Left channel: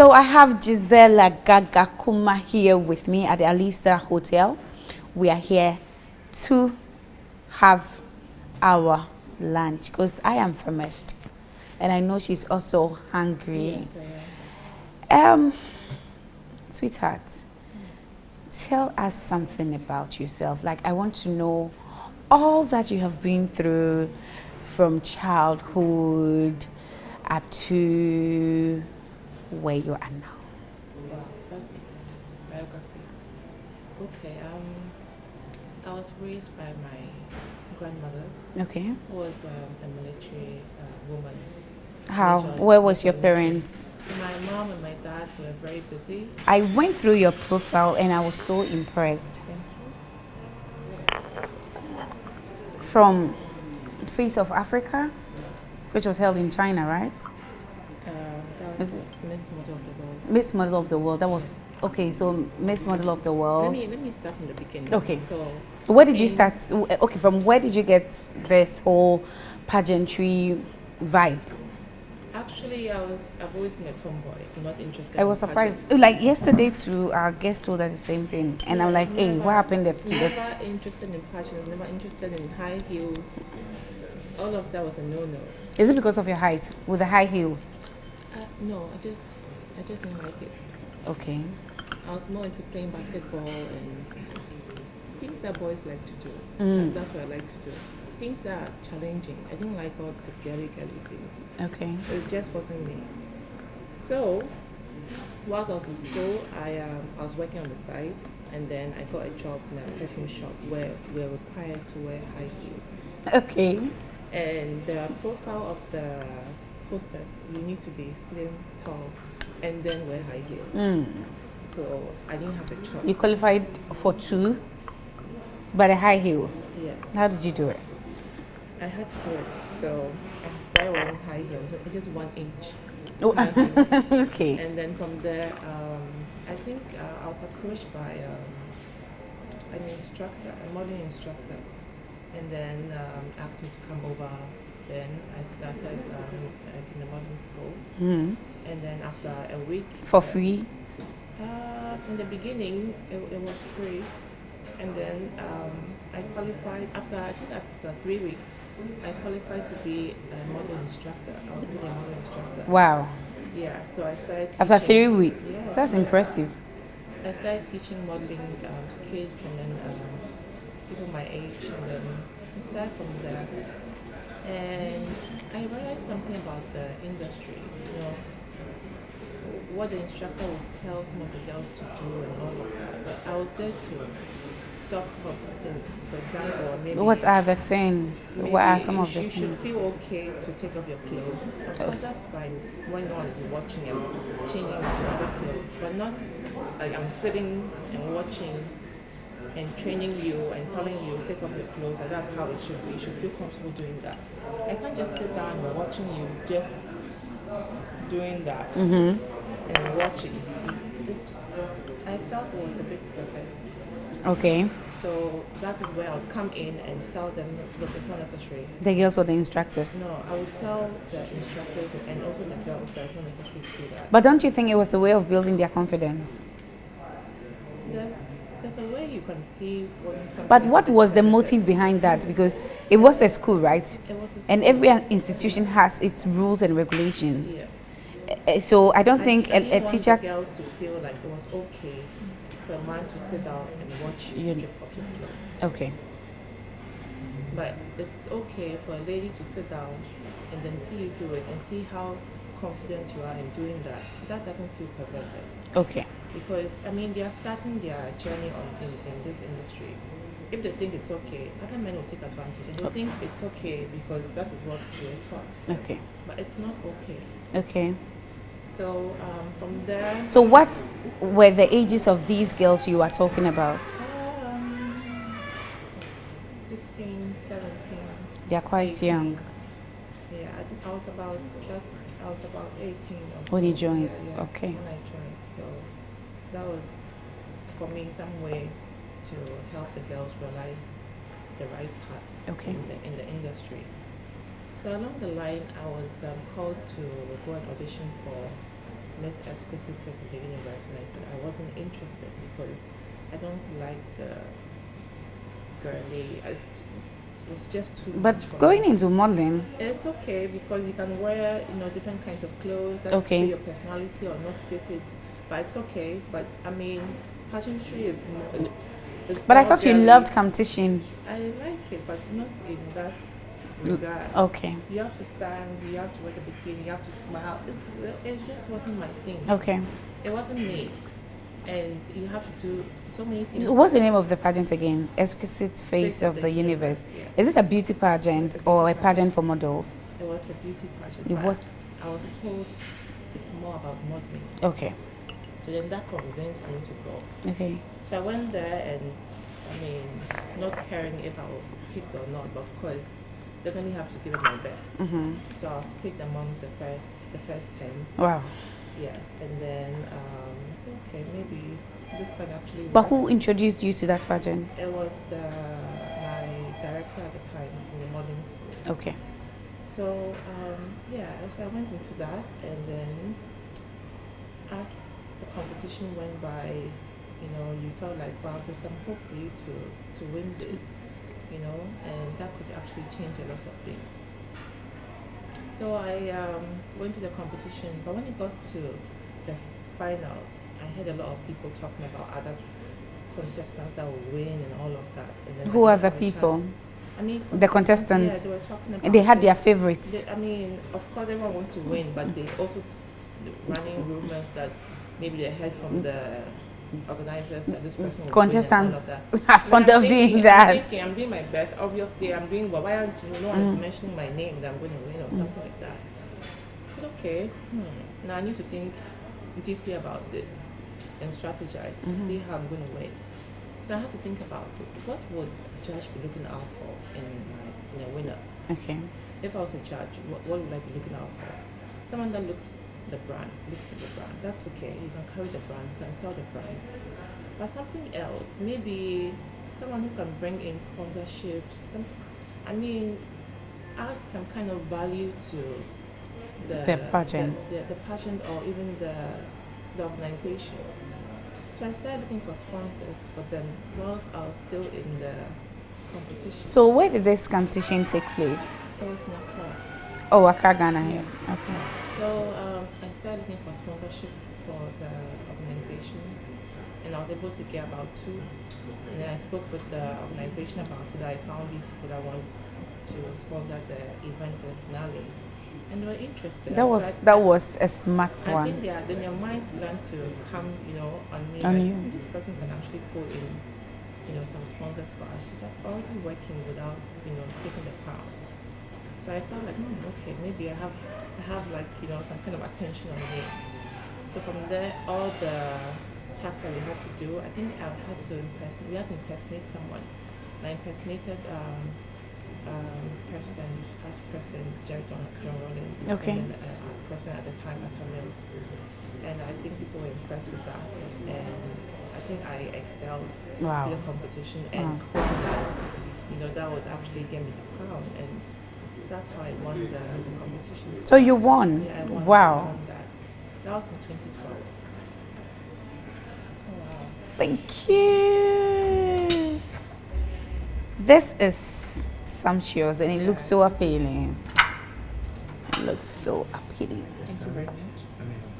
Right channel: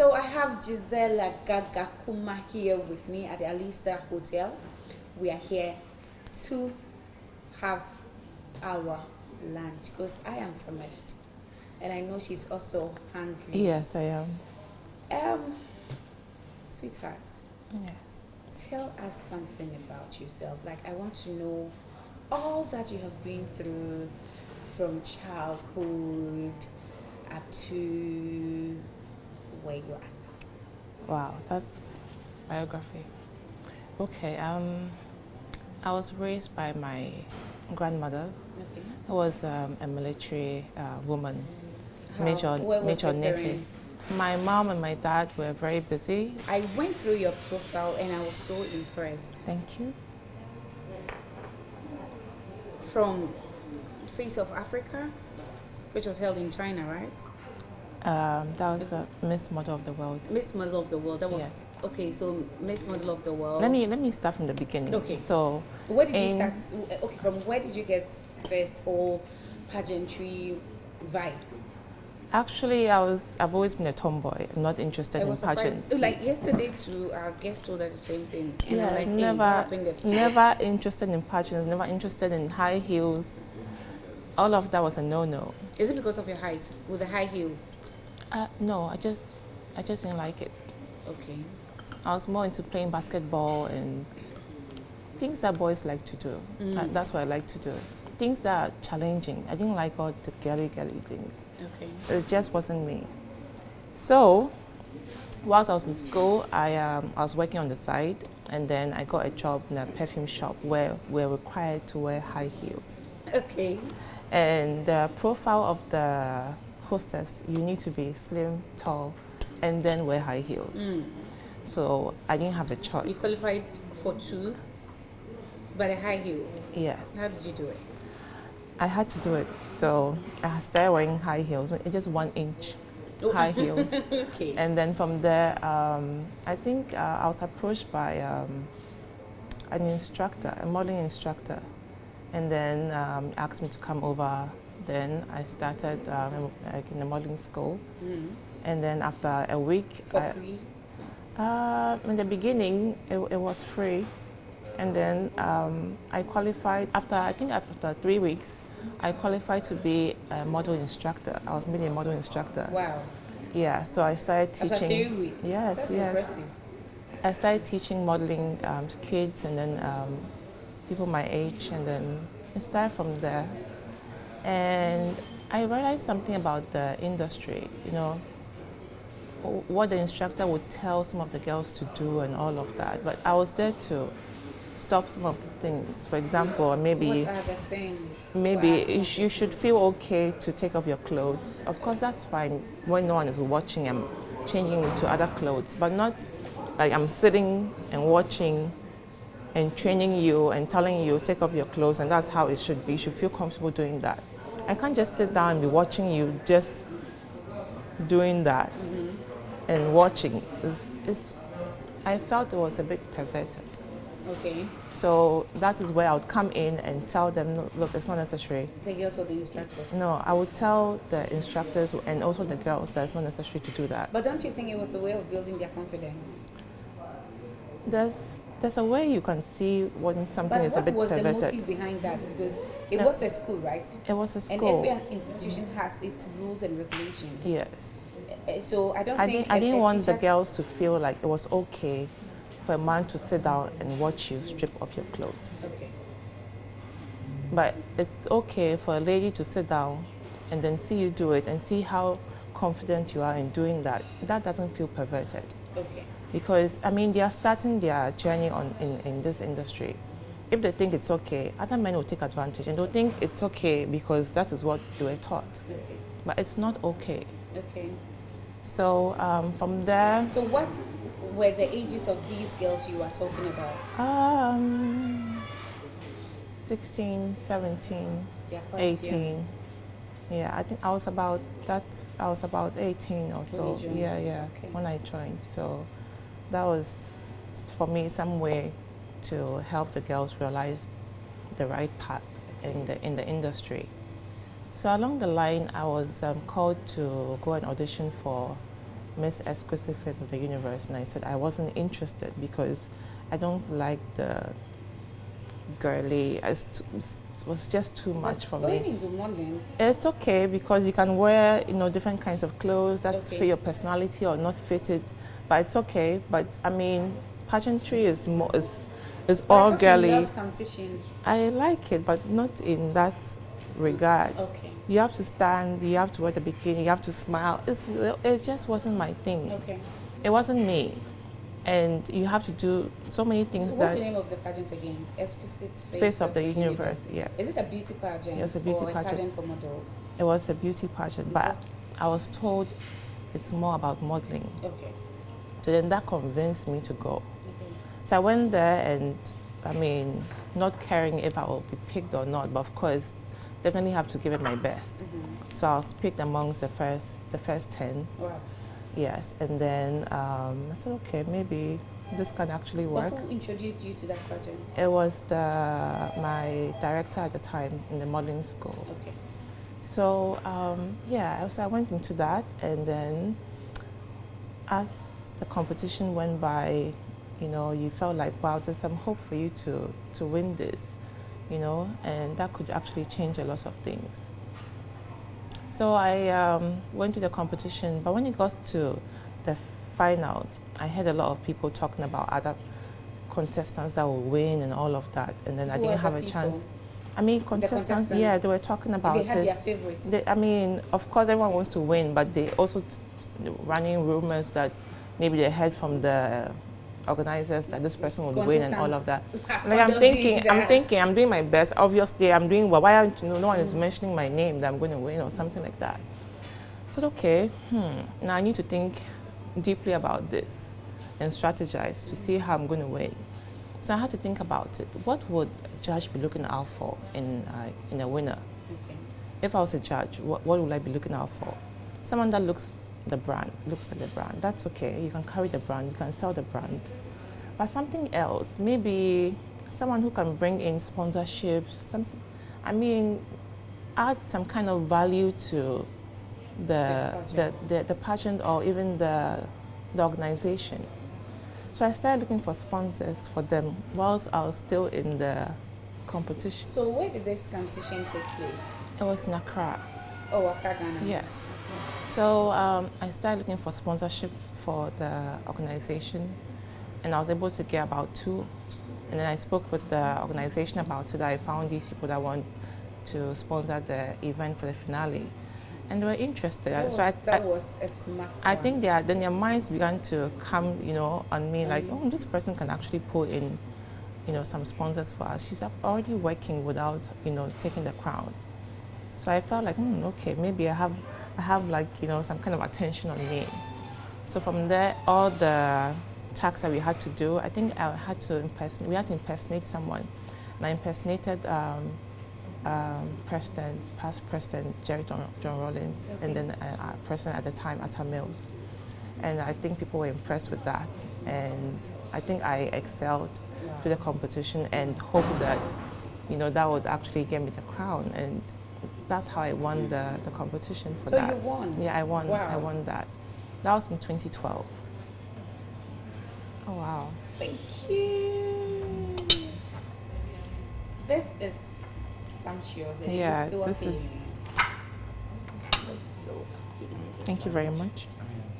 So I have Gisela Gagakuma here with me at the Alisa Hotel. We are here to have our lunch because I am famished and I know she's also hungry. Yes, I am. Sweetheart, Yes. tell us something about yourself. Like, I want to know all that you have been through from childhood up to where you are now. Wow, that's biography. Okay, I was raised by my grandmother, Okay. who was a military woman. How? Where was your Native. parents? My mom and my dad were very busy. I went through your profile and I was so impressed. Thank you. From Face of Africa, which was held in China, right? That was Miss Model of the World. Miss Model of the World. That was Yes. okay. So Miss Model of the World. Let me start from the beginning. Okay. So where did you start? Okay, from where did you get this whole pageantry vibe? actually, I've always been a tomboy. I'm not interested. I was in surprised. pageants. Like yesterday, to our guest told us the same thing, and I'm Yeah, like, hey, what happened? Never interested in pageants. Never interested in high heels. All of that was a no-no. Is it because of your height with the high heels? No, I just didn't like it. Okay. I was more into playing basketball and things that boys like to do. That's what I like to do. Things that are challenging. I didn't like all the girly things. Okay. It just wasn't me. So, whilst I was in school, I was working on the side, and then I got a job in a perfume shop where we're required to wear high heels. Okay. And the profile of the hostess, you need to be slim, tall, and then wear high heels. So I didn't have a choice. You qualified for 2, but the high heels. Yes. How did you do it? I had to do it. So I started wearing high heels, just 1 inch high heels. Okay. And then from there, I think I was approached by an instructor, a modeling instructor, and then asked me to come over. Then I started in the modeling school, and then after a week, For free? in the beginning, it was free, and then I qualified after 3 weeks. I qualified to be a model instructor. I was made a model instructor. Wow. Yeah, so I started teaching. After 3 weeks? Yes, That's yes. impressive. I started teaching modeling to kids and then people my age, and then I started from there. And I realized something about the industry, what the instructor would tell some of the girls to do and all of that. But I was there to stop some of the things. For example, maybe What are the things? maybe What are some of the you should things? feel okay to take off your clothes. Of course, that's fine when no one is watching. I'm changing into other clothes, but not like I'm sitting and watching and training you and telling you take off your clothes, and that's how it should be. You should feel comfortable doing that. I can't just sit down and be watching you just doing that and watching. I felt it was a bit perverted. Okay. So that is where I would come in and tell them, no, look, it's not necessary. The girls or the instructors? No, I would tell the instructors and also the girls that it's not necessary to do that. But don't you think it was a way of building their confidence? There's a way you can see when something But is a what bit was the perverted. motive behind that? Because it was a school, right? It was a school. And every institution has its rules and regulations. Yes. So I don't think I didn't a want teacher... the girls to feel like it was okay for a man to sit down and watch you strip off your clothes. Okay. But it's okay for a lady to sit down and then see you do it and see how confident you are in doing that. That doesn't feel perverted. Okay. Because, they are starting their journey in this industry. If they think it's okay, other men will take advantage and they'll think it's okay because that is what they were taught. Okay. But it's not okay. Okay. So from there... So what were the ages of these girls you are talking about? 16, 17. They are quite 18. young. Yeah, I think I was about 18 or so. When you joined? Yeah. Okay. When I joined. So that was, for me, some way to help the girls realize the right path in the industry. So along the line, I was called to go and audition for Miss Exclusive Face of the Universe, and I said I wasn't interested because I don't like the girly. It was just too much for But going me. into modeling, It's okay because you can wear, different kinds of clothes that Okay. fit your personality or not fit it, but it's okay. But I mean, pageantry is more is but I all thought girly. you loved competition. I like it, but not in that regard. Okay. You have to stand, you have to wear the bikini, you have to smile. It just wasn't my thing. Okay. It wasn't me. And you have to do so many things. So what's the name of the pageant again? Exquisite Face of the Universe. Yes. Is it a beauty pageant It's a beauty or a pageant. pageant for models? It was a beauty pageant, It but was- I was told it's more about modeling. Okay. So then that convinced me to go. Okay. So I went there and, I mean, not caring if I would be picked or not, but of course, definitely have to give it my best. Mm-hmm. So I was picked amongst the first 10. Wow. Yes, and then I said, okay, maybe this can actually work. But who introduced you to that pageant? It was my director at the time in the modeling school. Okay. So so I went into that, and then as the competition went by, you felt like, wow, there's some hope for you to win this, and that could actually change a lot of things. So I went to the competition, but when it got to the finals, I heard a lot of people talking about other contestants that will win and all of that, and then Who I are didn't the have a people? chance. I mean, The contestants? Yeah, they were talking about. They had it. their favorites. I mean, of course, everyone wants to win, but they also running rumors that maybe they heard from the organizers that this person will win and all of that. Are fond of doing that. I'm doing my best. Obviously, I'm doing well. Why aren't no one is mentioning my name that I'm going to win or something like that? I said, okay, now I need to think deeply about this and strategize to see how I'm going to win. So I had to think about it. What would a judge be looking out for in a winner? Okay. If I was a judge, what would I be looking out for? Someone that looks like the brand. That's okay. You can carry the brand, you can sell the brand. But something else, maybe someone who can bring in sponsorships, add some kind of value to the pageant or even the organization. So I started looking for sponsors for them whilst I was still in the competition. So where did this competition take place? It was in Accra. Oh, Accra, Ghana. Yes. Okay. So I started looking for sponsorships for the organization, and I was able to get about 2. And then I spoke with the organization about it. I found these people that want to sponsor the event for the finale, and they were interested. That was a smart one. I think then their minds began to come, on me, this person can actually pull in, some sponsors for us. She's already working without, taking the crown. So I felt like, okay, maybe I have like, some kind of attention on me. So from there, all the tasks that we had to do, I think we had to impersonate someone. And I impersonated past President Jerry John Rawlings, Okay. and then President at the time, Atta Mills. And I think people were impressed with that. And I think I excelled Wow. with the competition and hoped that, that would actually get me the crown. And that's how I won the competition. So you won? Yeah, I won. Wow. I won that. That was in 2012. Oh, wow. Thank you. This is sumptuous and it looks so appealing. It looks so appealing. Thank you very much.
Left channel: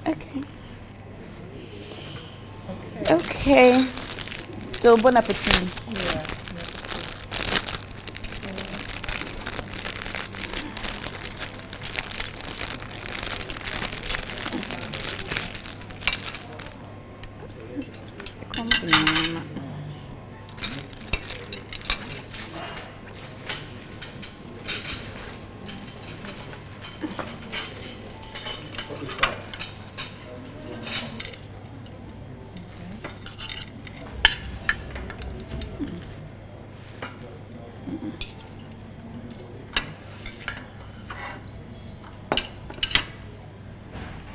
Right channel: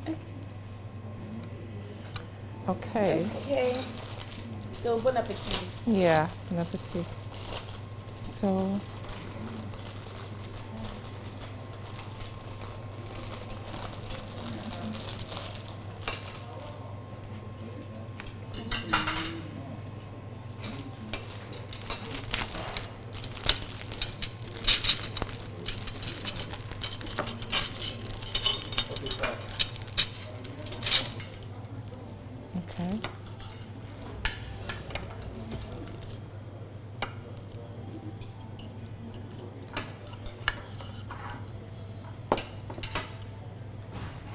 Okay. Okay. Okay. So bon appetit. Yeah, bon appetit. So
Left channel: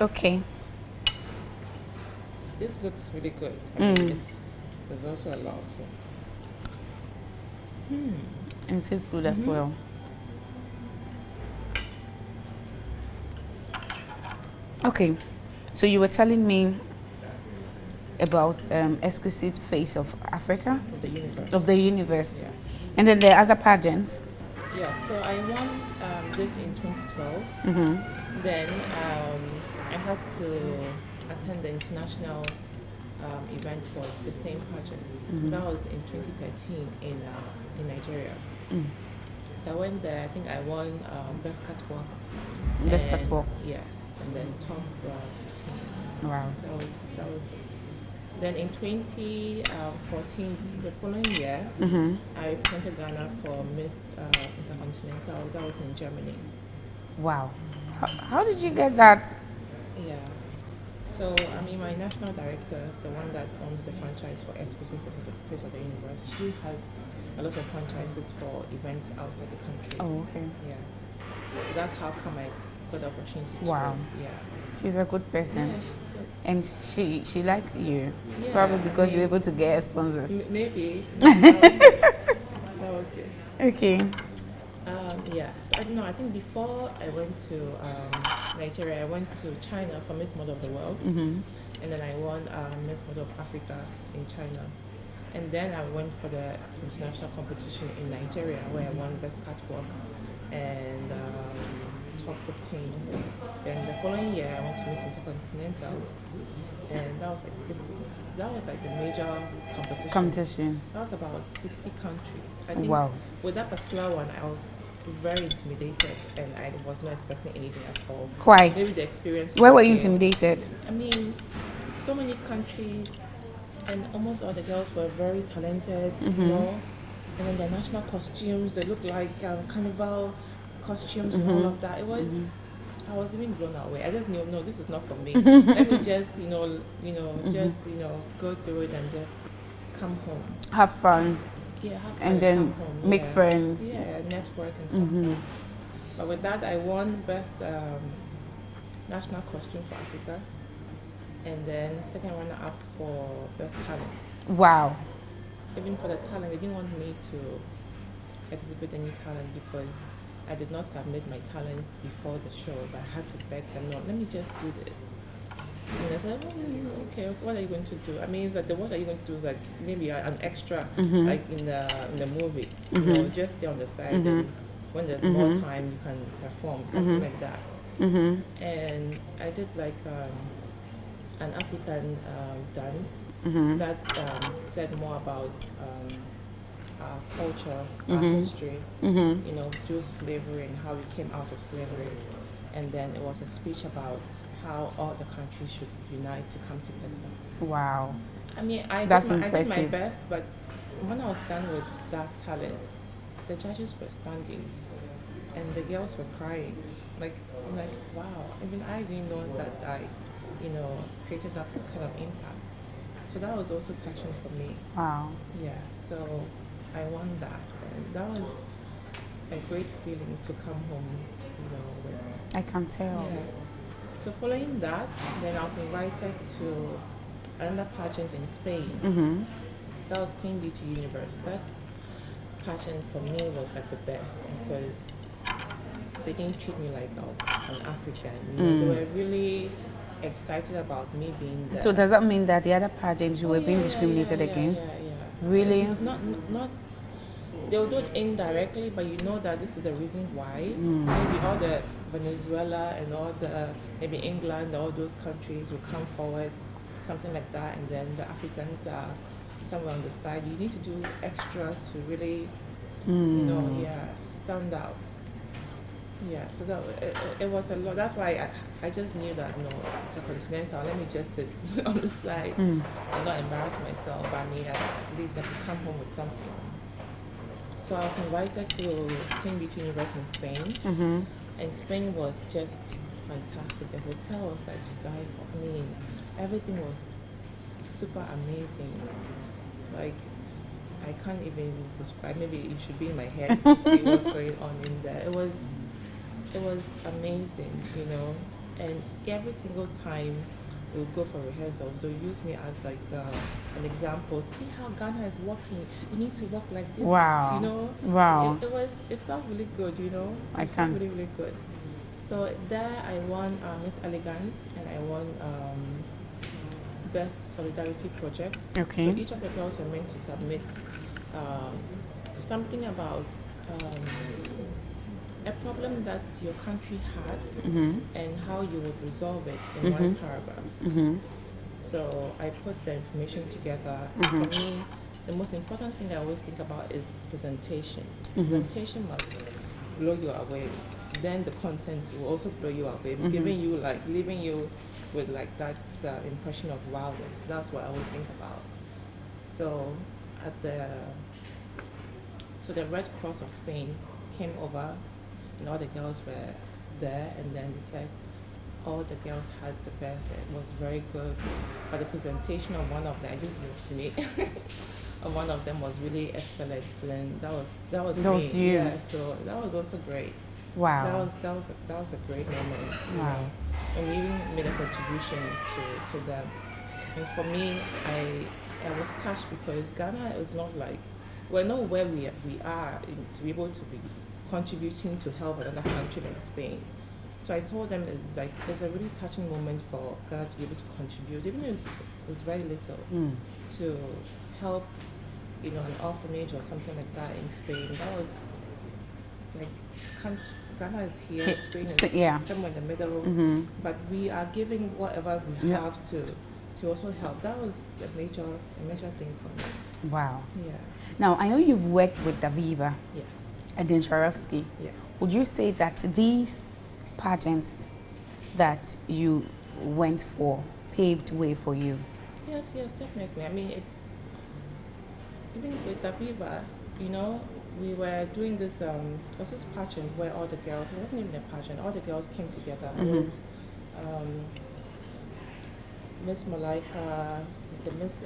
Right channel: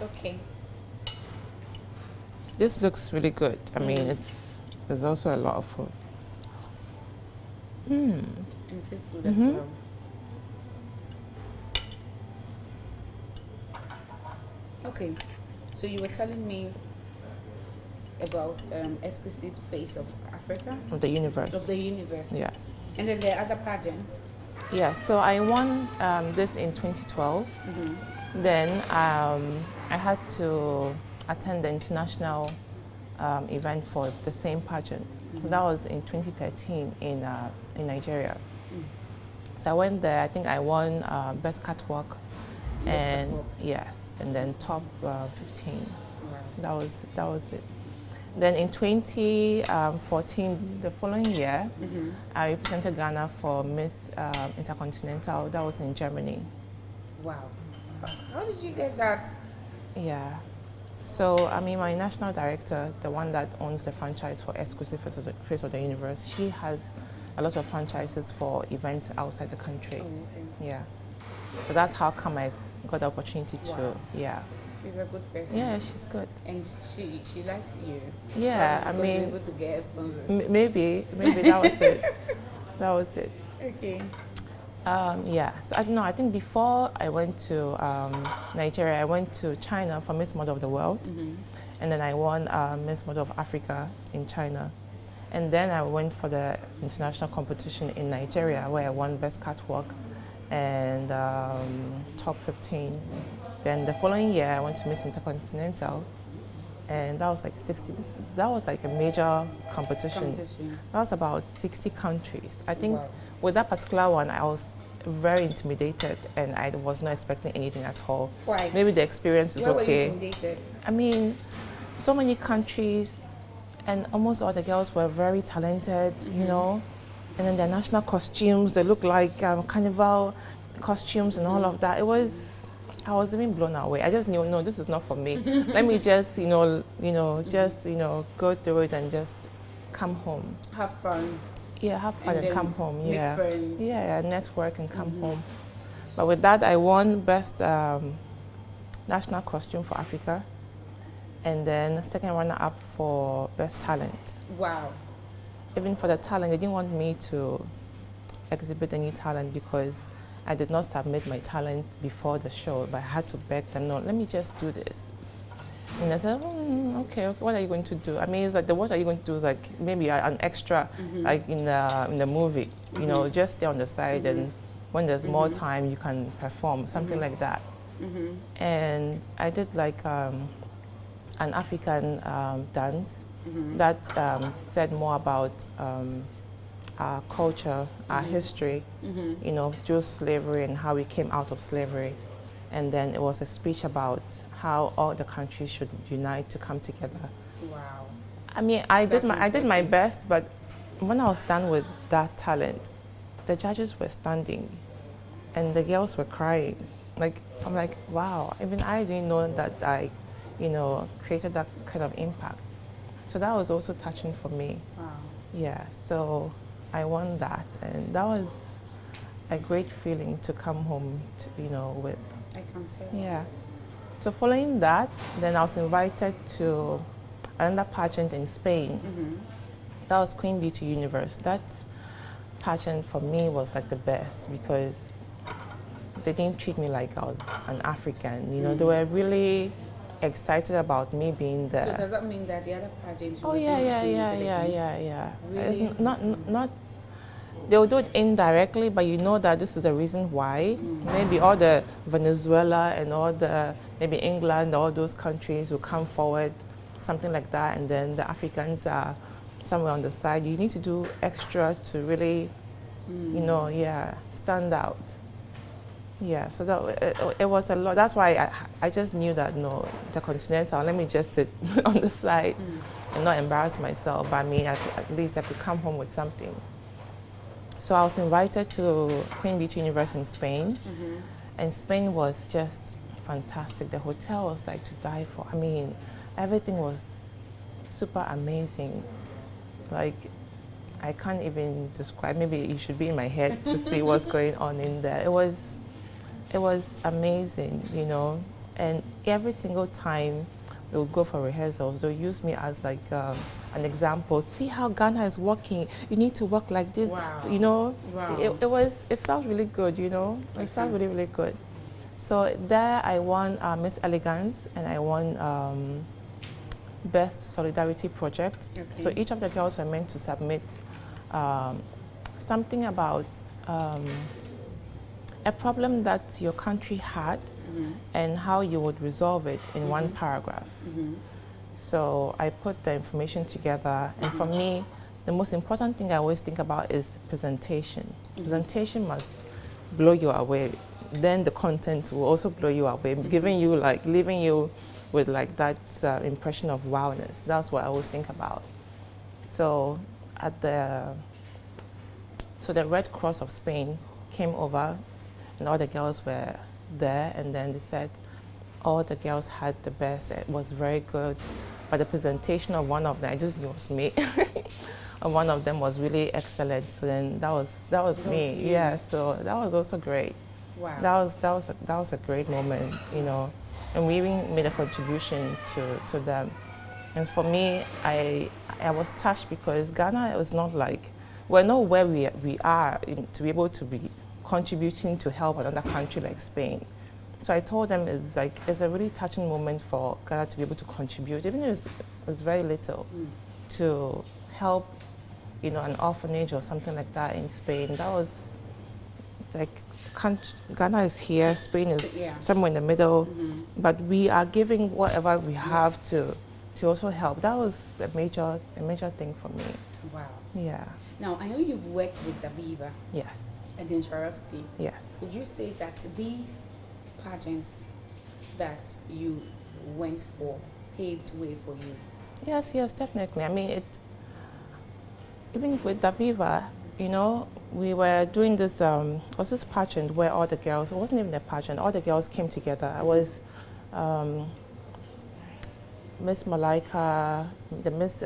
okay. This looks really good. I mean, there's also a lot of food. And it tastes good as well. Okay. So you were telling me about exquisite face of Africa, Of the universe. of the universe. Yes. And then there are other pageants. Yes. So I won this in 2012. Then I had to attend the international event for the same pageant. So that was in 2013 in Nigeria. So I went there. I think I won best catwalk. Best And- catwalk. Yes, and then top 15. Wow. That was it. Then in 2014, the following year, I represented Ghana for Miss Intercontinental. That was in Germany. Wow. How did you get that? Yeah. So, I mean, my national director, the one that owns the franchise for Exclusive Face of the Universe, she has a lot of franchises for events outside the country. Oh, okay. Yeah. So that's how come I got the opportunity to. Wow. Yeah. She's a good person. Yeah, she's good. And she liked you. Yeah. Probably because you were able to get her sponsors. Maybe that was it. That was it. Okay. Yeah. So I don't know. I think before I went to Nigeria, I went to China for Miss Model of the World, and then I won Miss Model of Africa in China, and then I went for the international competition in Nigeria where I won Best Catwalk and top 15. Then the following year, I went to Miss Intercontinental, and that was like 60. That was like a major competition. That was about 60 countries. I think Wow. with that particular one, I was very intimidated, and I was not expecting anything at all. Why? Maybe the experience. Why were you intimidated? I mean, so many countries, and almost all the girls were very talented, you know. And then their national costumes, they look like carnival costumes and all of that. It was, I was even blown away. I just knew, no, this is not for me. Let me just, just, go through it and just come home. Have fun. Yeah, have fun And then come home. make Yeah. friends. Yeah, network and come home. But with that, I won best national costume for Africa, and then second runner-up for best talent. Wow. Even for the talent, they didn't want me to exhibit any talent because I did not submit my talent before the show, but I had to beg them, no, let me just do this. And I said, okay, what are you going to do? I mean, it's like, what are you going to do is like maybe an extra, like in the movie, just stay on the side, and when there's more time, you can perform, something like that. And I did like an African dance that said more about our culture, our history, through slavery and how we came out of slavery. And then it was a speech about how all the countries should unite to come together. Wow. I mean, I did my best, but when I was done with that talent, the judges were standing and the girls were crying. Like, I'm like, wow, even I didn't know that I, created that kind of impact. So that was also touching for me. Wow. Yeah, so I won that, and that was a great feeling to come home, with. I can tell. Yeah. So following that, then I was invited to another pageant in Spain. That was Queen Beauty Universe. That pageant for me was like the best because they didn't treat me like I was an African. They were really excited about me being there. So does that mean that the other pageants you were being discriminated against? Yeah. Really? Not. They will do it indirectly, but you know that this is the reason why. Maybe all the Venezuela and all the, maybe England, all those countries will come forward, something like that, and then the Africans are somewhere on the side. You need to do extra to really, stand out. Yeah, so that it was a lot. That's why I just knew that, no, the Continental, let me just sit on the side and not embarrass myself. But I mean, at least I could come home with something. So I was invited to Queen Beauty Universe in Spain, and Spain was just fantastic. The hotel was like to die for. I mean, everything was super amazing. Like, I can't even describe. Maybe you should be in my head to see what's going on in there. It was amazing, and every single time they'll go for rehearsals, they'll use me as like an example. See how Ghana is working. You need to work like this. Wow. Wow. Wow. It felt really good. I felt really, really good. So there I won Miss Elegance, and I won Best Solidarity Project. Okay. So each of the girls were meant to submit something about a problem that your country had and how you would resolve it in one paragraph. So I put the information together, and for me, the most important thing I always think about is presentation. Presentation must blow you away. Then the content will also blow you away, leaving you with like that impression of wildness. That's what I always think about. So the Red Cross of Spain came over, and all the girls were there, and then they said all the girls had the best. It was very good, but the presentation of one of them, I just knew it was me. And one of them was really excellent. So then that was me. Was you. Yeah. So that was also great. Wow. That was a great moment, you know, and we even made a contribution to them. And for me, I was touched because Ghana was not like, we're not where we are to be able to be contributing to help another country like Spain. So I told them it's a really touching moment for Ghana to be able to contribute, even if it's very little, to help, you know, an orphanage or something like that in Spain. That was like, Ghana is here, Spain is somewhere in the middle, but we are giving whatever we have to also help. That was a major thing for me. Wow. Yeah. Now, I know you've worked with Daviva. Yes. And then Swarovski. Yes. Would you say that these pageants that you went for paved way for you? Yes, definitely. I mean, even with Daviva, you know, we were doing this, was this pageant where all the girls, it wasn't even a pageant, all the girls came together. I was Miss Malaika, the Miss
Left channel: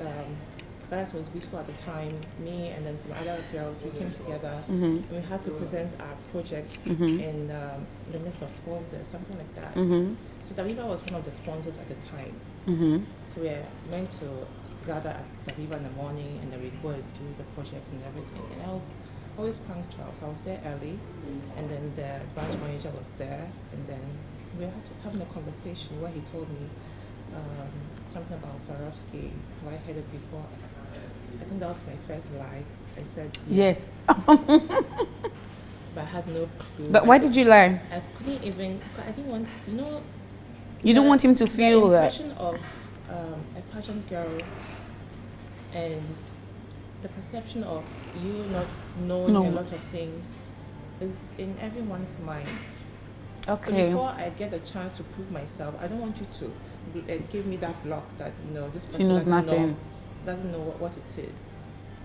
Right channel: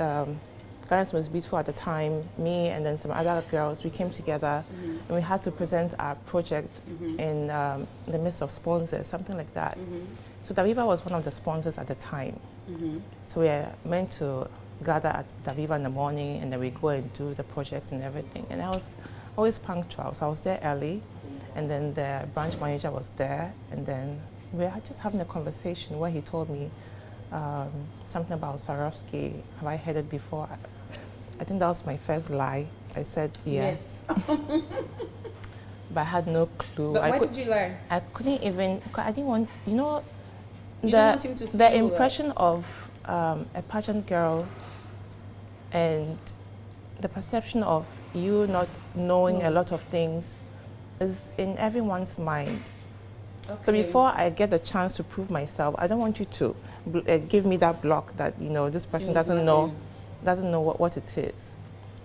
Ghana's Most Beautiful at the time, me and then some other girls, we came together and we had to present our project in the midst of sponsors, something like that. So Daviva was one of the sponsors at the time. So we were meant to gather at Daviva in the morning, and then we go and do the projects and everything. And I was always punctual, so I was there early, and then the branch manager was there, and then we were just having a conversation where he told me something about Swarovski. Have I heard it before? I think that was my first lie. I said yes. But I had no clue. But why did you lie? I couldn't even, I didn't want, you know. You don't want him to feel the impression of a pageant girl and the perception of you not knowing a lot of things is in everyone's mind. Okay. So before I get the chance to prove myself, I don't want you to give me that block that, you know, this person doesn't know what it is.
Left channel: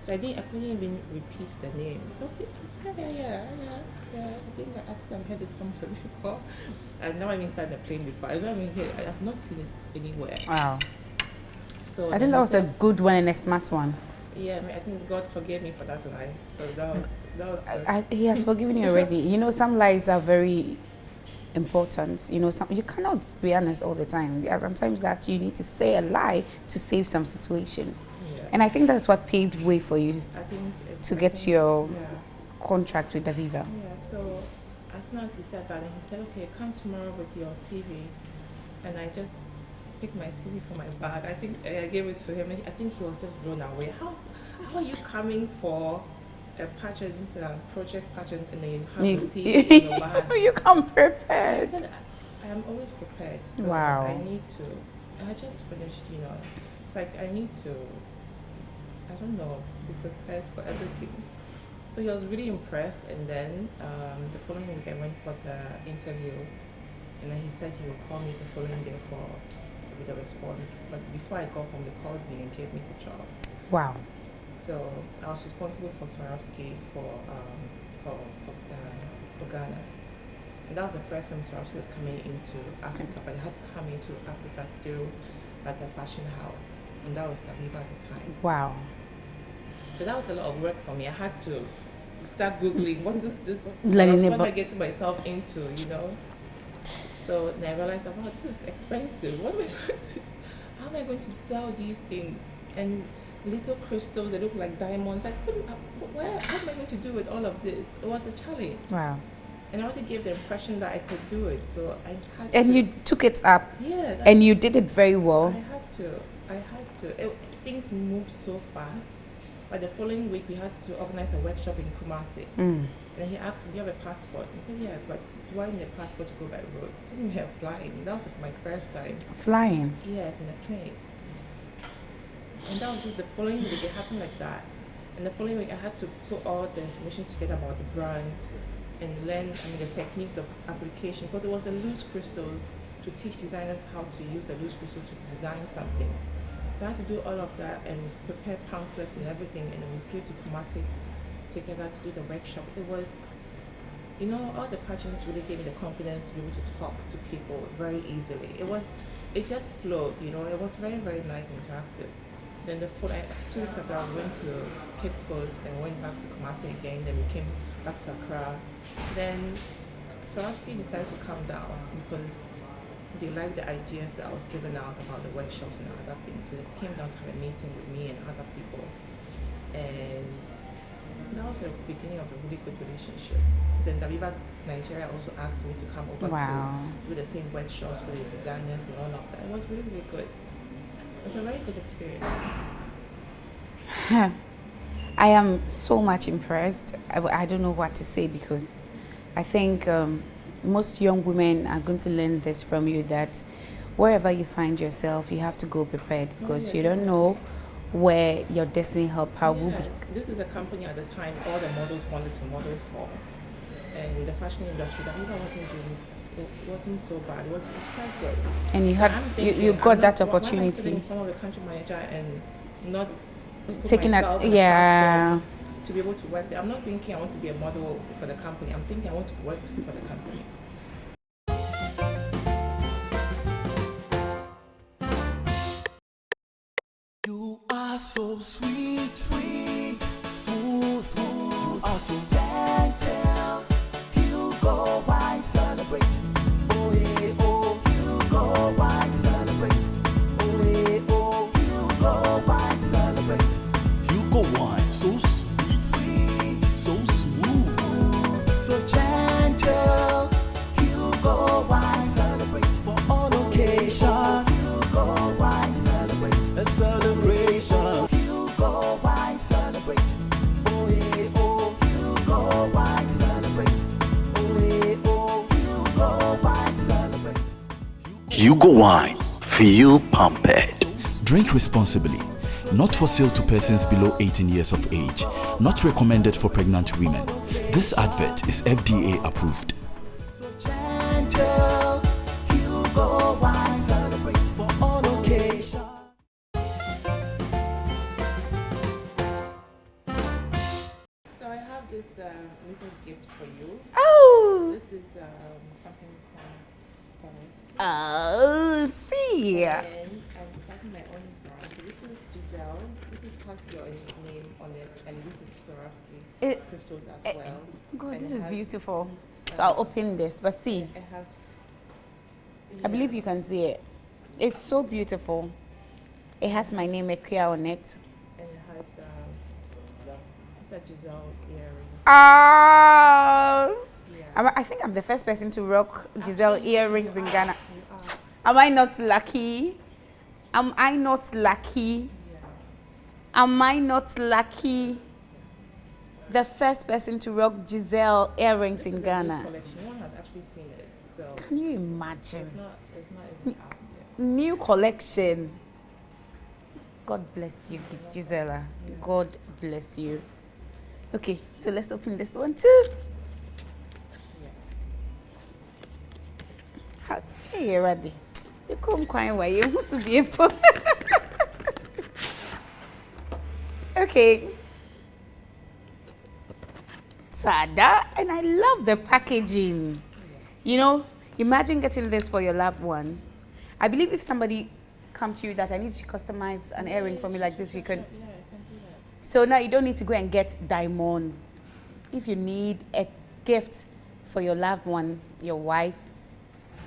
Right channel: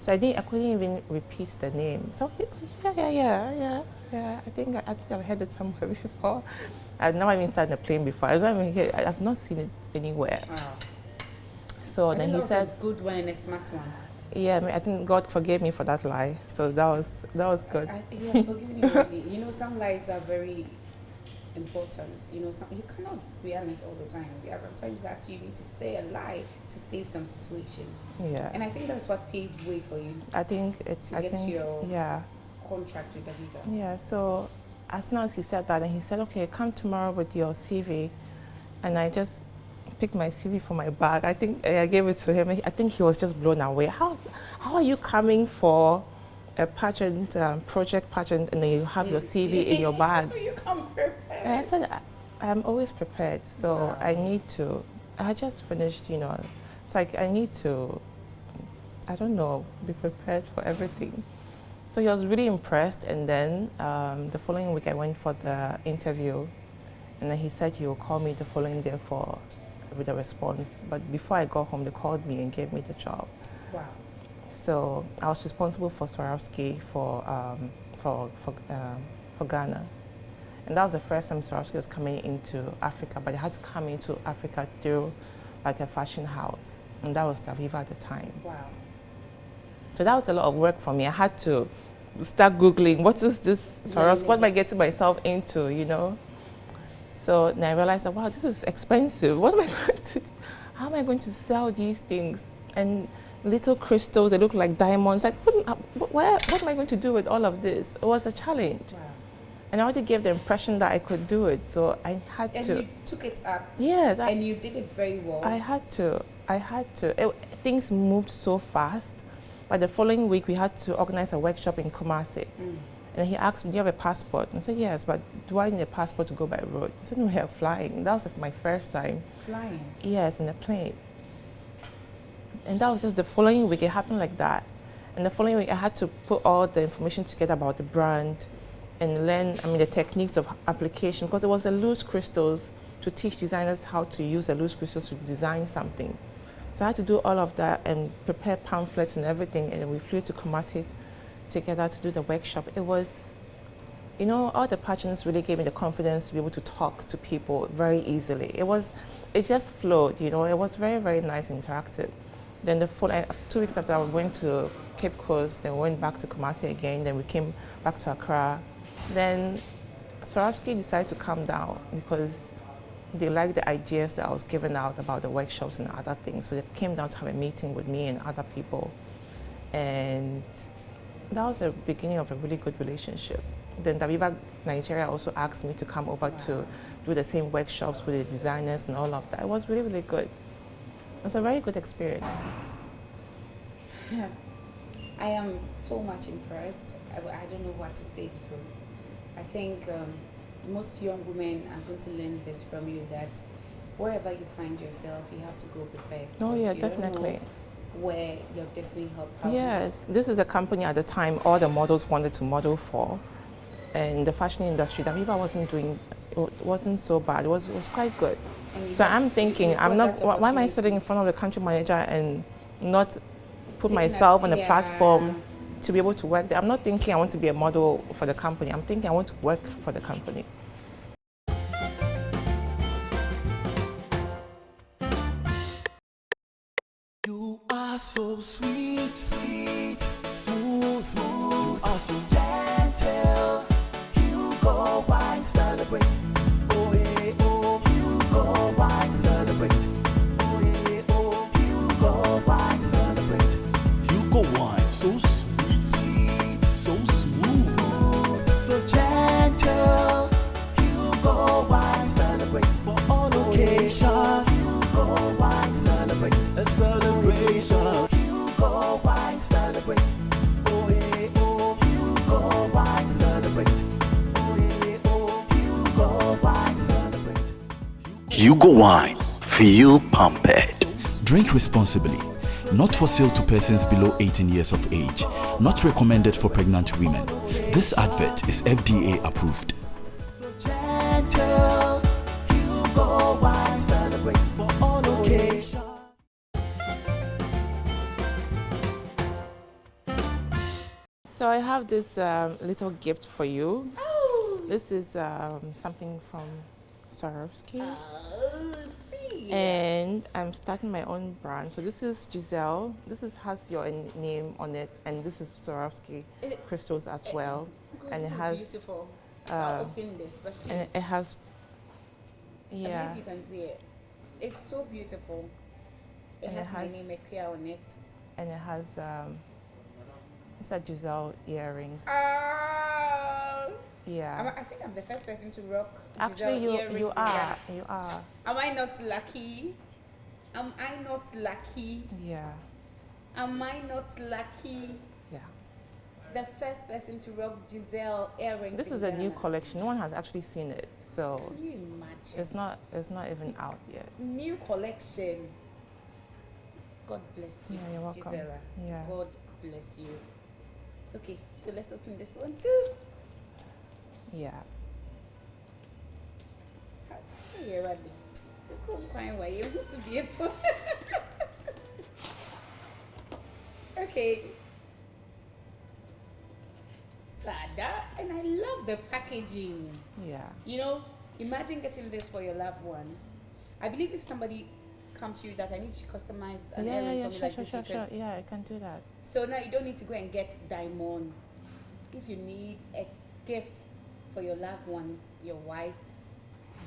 So I couldn't even repeat the name. So yeah. I think I've heard it somewhere before. I've never even sat in a plane before. I've not seen it anywhere. Wow. So I think that was a good one and a smart one. Yeah, I mean, I think God forgave me for that lie. So that was good. He has forgiven you already. You know, some lies are very important. You know, you cannot be honest all the time. There are sometimes that you need to say a lie to save some situation. Yeah. And I think that's what paved way for you. I think it's to get your contract with Daviva. Yeah. So as soon as he said that, and he said, "Okay, come tomorrow with your CV," and I just picked my CV from my bag. I think I gave it to him. I think he was just blown away. How are you coming for a pageant, project pageant, and then you have your CV in your bag? You come prepared. And I said, I'm always prepared. So I just finished, you know, so I need to, I don't know, be prepared for everything. So he was really impressed, and then the following week I went for the interview, and then he said he would call me the following day with a response. But before I got home, they called me and gave me the job. Wow. So I was responsible for Swarovski for Ghana. And that was the first time Swarovski was coming into Africa, but it had to come into Africa through like a fashion house. And that was Daviva at the time. Wow. So that was a lot of work for me. I had to start Googling, what is this Swarovski? What am I getting myself into, you know? So then I realized that, wow, this is expensive. What am I going to, how am I going to sell these things? And little crystals, they look like diamonds. Like, what am I going to do with all of this? It was a challenge. Wow. And I already gave the impression that I could do it, so I had to. And you took it up. Yes. And you did it very well. I had to. Things moved so fast. By the following week, we had to organize a workshop in Kumasi. And he asked me, do you have a passport? I said, yes, but do I need a passport to go by road? He said, no, we are flying. That was my first time. Flying? Yes, in a plane. And that was just the following week. It happened like that. And the following week, I had to put all the information together about the brand and learn, the techniques of application, because it was the loose crystals to teach designers how to use the loose crystals to design something. So I had to do all of that and prepare pamphlets and everything, and we flew to Kumasi together to do the workshop. It was, all the pageants really gave me the confidence to be able to talk to people very easily. It just flowed, it was very, very nice and interactive. Then 2 weeks after, I went to Cape Coast, then we went back to Kumasi again, then we came back to Accra. Then Swarovski decided to come down because they liked the ideas that I was giving out about the workshops and other things. So they came down to have a meeting with me and other people. And that was the beginning of a really good relationship. Then Daviva Nigeria also asked me to come over to do the same workshops with the designers and all of that. It was really, really good. It was a very good experience. I am so much impressed. I don't know what to say, because I think most young women are going to learn this from you, that wherever you find yourself, you have to go prepared, because you don't know where your destiny help out. Yes, this is a company at the time all the models wanted to model for. In the fashion industry, Daviva wasn't so bad. It was quite good. And I'm thinking, why am I sitting in front of the country manager and not put myself on a platform to be able to work there? I'm not thinking I want to be a model for the company. I'm thinking I want to work for the company. You are so sweet, smooth. You are so gentle. You go wine, celebrate. Oh, yeah, oh, you go wine, celebrate. Oh, yeah, oh, you go wine, celebrate. You go wine, so sweet, so smooth, so gentle. You go wine, celebrate for all occasion. You go wine, celebrate. A celebration. You go wine, celebrate. Oh, yeah, oh, you go wine, celebrate. Oh, yeah, oh, you go wine, celebrate. Hugo Wine. Feel pampered. Drink responsibly. Not for sale to persons below 18 years of age. Not recommended for pregnant women. This advert is FDA approved. So gentle. You go wine, celebrate for all occasion. So I have this little gift for you. Oh! This is something from Swarovski. Oh, see! And I'm starting my own brand. So this is Gisella. Has your name on it, and this is Swarovski crystals as well. God, and this it is has, beautiful. So I'll open this, but see, it has. I believe you can see it. It's so beautiful. It has my name, Akua, on it. And it has it's a Gisella earring. Oh! Yeah. I think I'm the first person to rock Giselle earrings in Ghana. You are. Am I not lucky? Am I not lucky? Yeah. Am I not lucky? Yeah. The first person to rock Giselle earrings This in is Ghana. a new collection. No one has actually seen it, so Can you imagine? it's not even out yet. New collection. God bless you, You're welcome. Gisella. Yeah. God bless you. Okay, so let's open this one too. Yeah. Hey, ready? You come quite well. You must be able. Okay. Tada, and I love the packaging. Yeah. Imagine getting this for your loved ones. I believe if somebody come to you that I need to customize an earring for me like this, you can. Yeah, I can do that. So now you don't need to go and get diamond. If you need a gift for your loved one, your wife,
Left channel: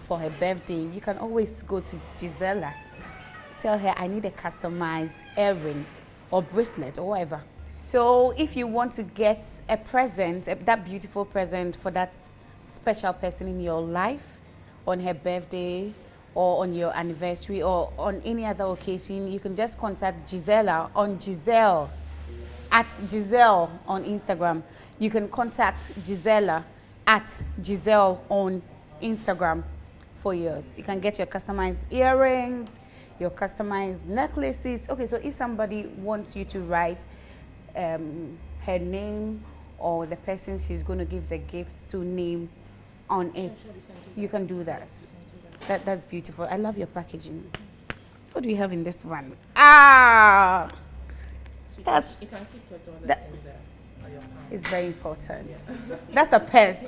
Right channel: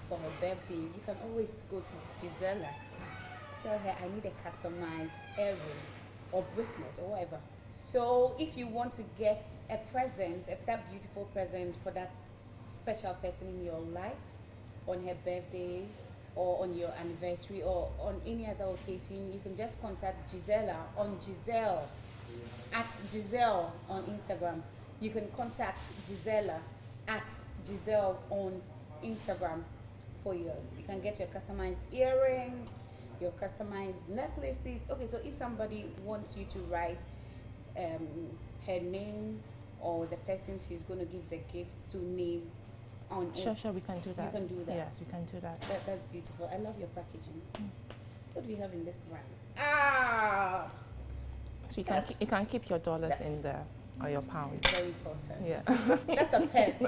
for her birthday, you can always go to Gisella. Tell her I need a customized earring or bracelet or whatever. So if you want to get a present, that beautiful present for that special person in your life on her birthday or on your anniversary or on any other occasion, you can just contact Gisella on Giselle, at Giselle on Instagram. You can contact Gisella at Giselle on Instagram for yours. You can get your customized earrings, your customized necklaces. Okay, so if somebody wants you to write her name or the person she's going to give the gifts to name on it. Sure, we can do that. You can do that. Yes, we can do that. That's beautiful. I love your packaging. What do we have in this one? Ah! So That's- you can keep your dollars that- in there or your pounds. It's very important. Yeah. That's a purse.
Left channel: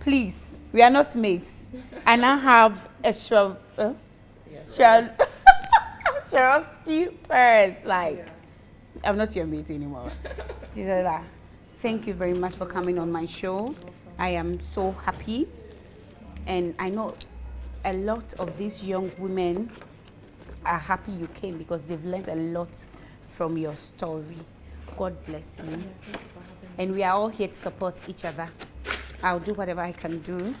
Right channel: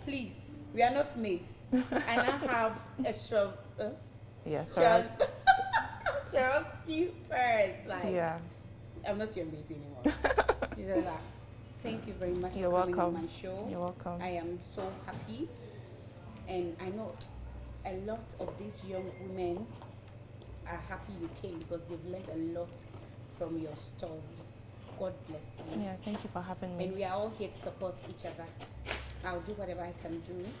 Please, we are not mates. I now have a Yes. Swarovski purse. Like, Yeah. I'm not your mate anymore. Gisela, thank you very much for You're coming on welcome. my show. You're welcome. I am so happy. And I know a lot of these young women are happy you came because they've learned a lot from your story. God bless you. Yeah, thank you for having me. And we are all here to support each other. I'll do whatever I can do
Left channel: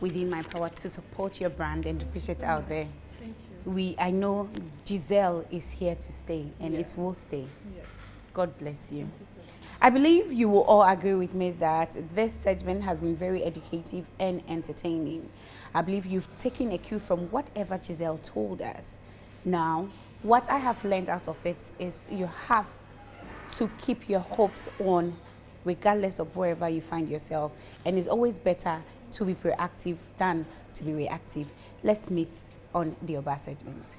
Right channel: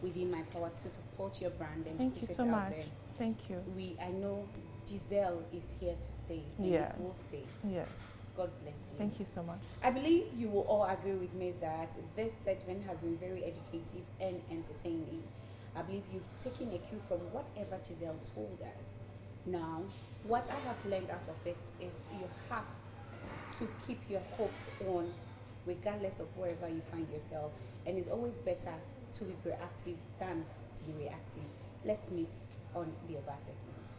within my power to support your brand and to Thank push you it so out much. there. Thank you. I know Giselle is here to stay and Yeah. it will stay. Yes. God bless you. Thank you so much. I believe you will all agree with me that this segment has been very educative and entertaining. I believe you've taken a cue from whatever Giselle told us. Now, what I have learned out of it is you have to keep your hopes on regardless of wherever you find yourself. And it's always better to be proactive than to be reactive. Let's meet on the Aaww segment.